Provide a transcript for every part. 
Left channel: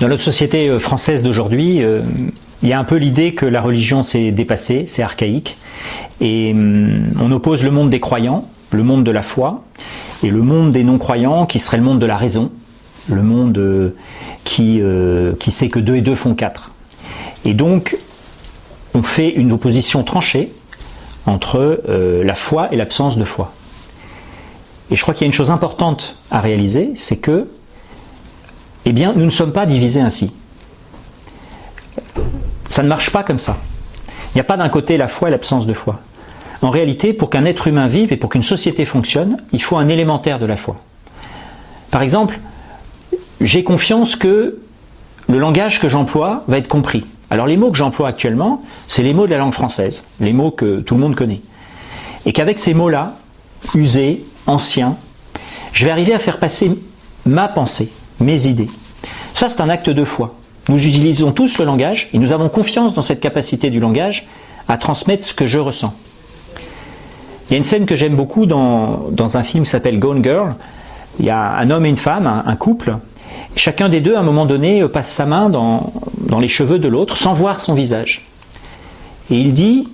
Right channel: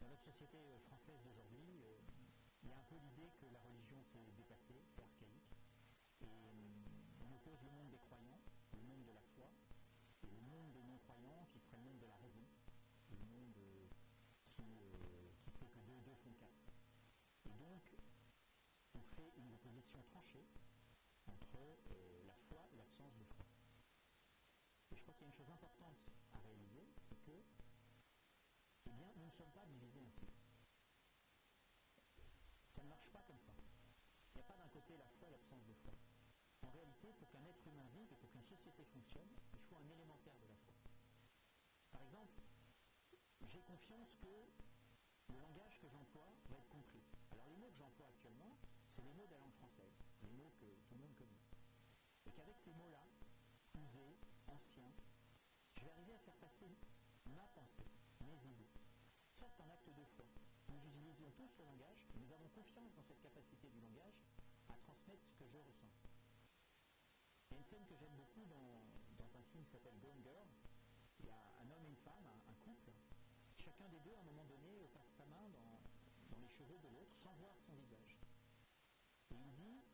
Dans notre société française d'aujourd'hui, il y a un peu l'idée que la religion s'est dépassée, c'est archaïque, et on oppose le monde des croyants, le monde de la foi, et le monde des non-croyants qui serait le monde de la raison, le monde qui sait que 2 et 2 font 4. Et donc, on fait une opposition tranchée entre la foi et l'absence de foi. Et je crois qu'il y a une chose importante à réaliser, c'est que, eh bien, nous ne sommes pas divisés ainsi. Ça ne marche pas comme ça. Il n'y a pas d'un côté la foi et l'absence de foi. En réalité, pour qu'un être humain vive et pour qu'une société fonctionne, il faut un élémentaire de la foi. Par exemple, j'ai confiance que le langage que j'emploie va être compris. Alors les mots que j'emploie actuellement, c'est les mots de la langue française, les mots que tout le monde connaît. Et qu'avec ces mots-là, usés, anciens, je vais arriver à faire passer ma pensée, mes idées. Ça, c'est un acte de foi. Nous utilisons tous le langage et nous avons confiance dans cette capacité du langage à transmettre ce que je ressens. Il y a une scène que j'aime beaucoup dans un film qui s'appelle Gone Girl. Il y a un homme et une femme, un couple. Chacun des deux, à un moment donné, passe sa main dans les cheveux de l'autre sans voir son visage. Et il dit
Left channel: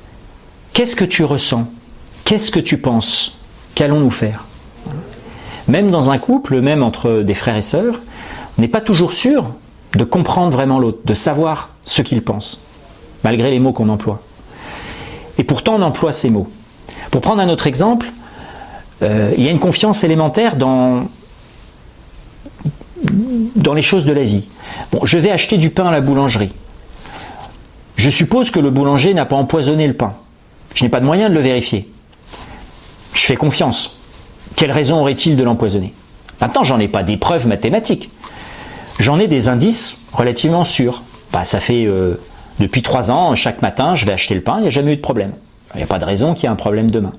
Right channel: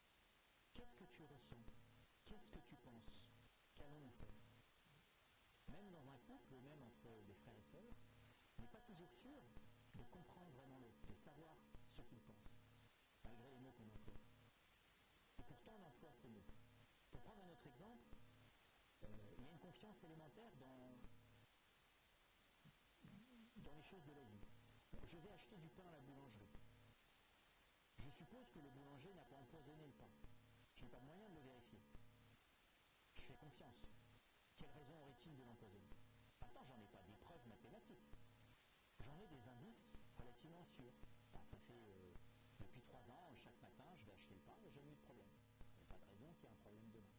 « Qu'est-ce que tu ressens? Qu'est-ce que tu penses? Qu'allons-nous faire ?» Même dans un couple, même entre des frères et sœurs, on n'est pas toujours sûr de comprendre vraiment l'autre, de savoir ce qu'il pense, malgré les mots qu'on emploie. Et pourtant, on emploie ces mots. Pour prendre un autre exemple, il y a une confiance élémentaire dans les choses de la vie. Bon, je vais acheter du pain à la boulangerie. Je suppose que le boulanger n'a pas empoisonné le pain. Je n'ai pas de moyen de le vérifier. Je fais confiance. Quelle raison aurait-il de l'empoisonner? Maintenant, j'en ai pas des preuves mathématiques. J'en ai des indices relativement sûrs. Ça fait depuis 3 ans, chaque matin, je vais acheter le pain, il n'y a jamais eu de problème. Il n'y a pas de raison qu'il y ait un problème demain.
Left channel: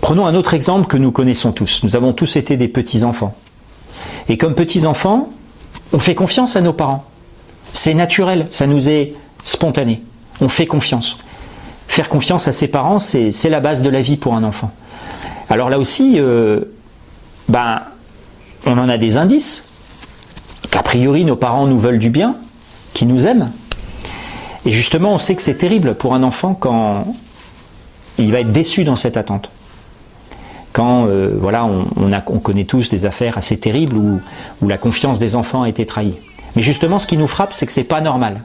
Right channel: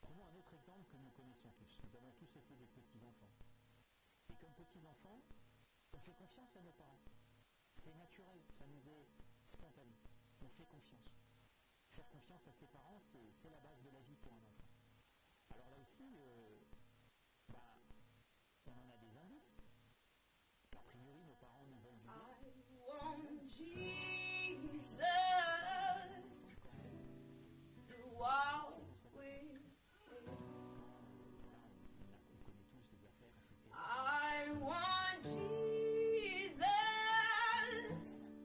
Prenons un autre exemple que nous connaissons tous. Nous avons tous été des petits-enfants. Et comme petits-enfants, on fait confiance à nos parents. C'est naturel, ça nous est spontané. On fait confiance. Faire confiance à ses parents, c'est la base de la vie pour un enfant. Alors là aussi, on en a des indices. Qu'a priori, nos parents nous veulent du bien, qu'ils nous aiment. Et justement, on sait que c'est terrible pour un enfant quand il va être déçu dans cette attente. Quand on connaît tous des affaires assez terribles où la confiance des enfants a été trahie. Mais justement, ce qui nous frappe, c'est que ce n'est pas normal.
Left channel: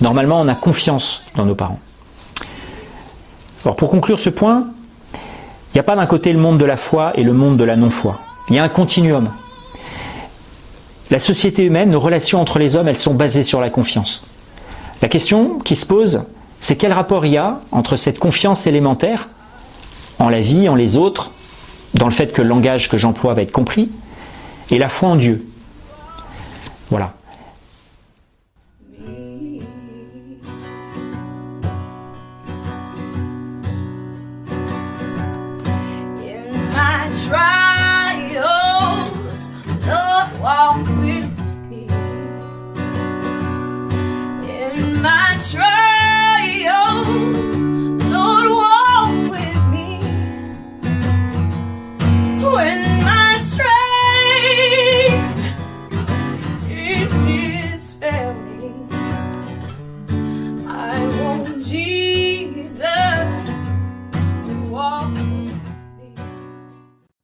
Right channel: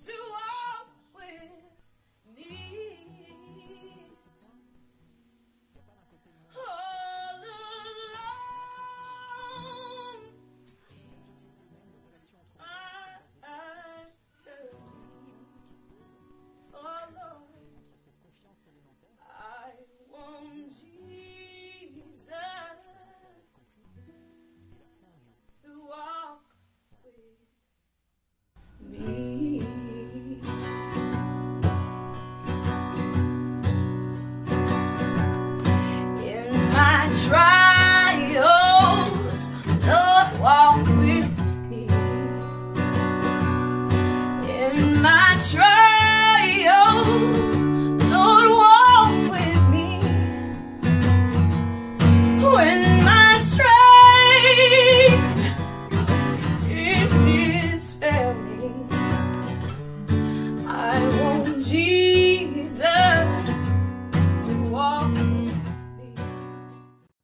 Normalement, on a confiance dans nos parents. Alors pour conclure ce point, il n'y a pas d'un côté le monde de la foi et le monde de la non-foi. Il y a un continuum. La société humaine, nos relations entre les hommes, elles sont basées sur la confiance. La question qui se pose, c'est quel rapport il y a entre cette confiance élémentaire en la vie, en les autres, dans le fait que le langage que j'emploie va être compris, et la foi en Dieu. Voilà.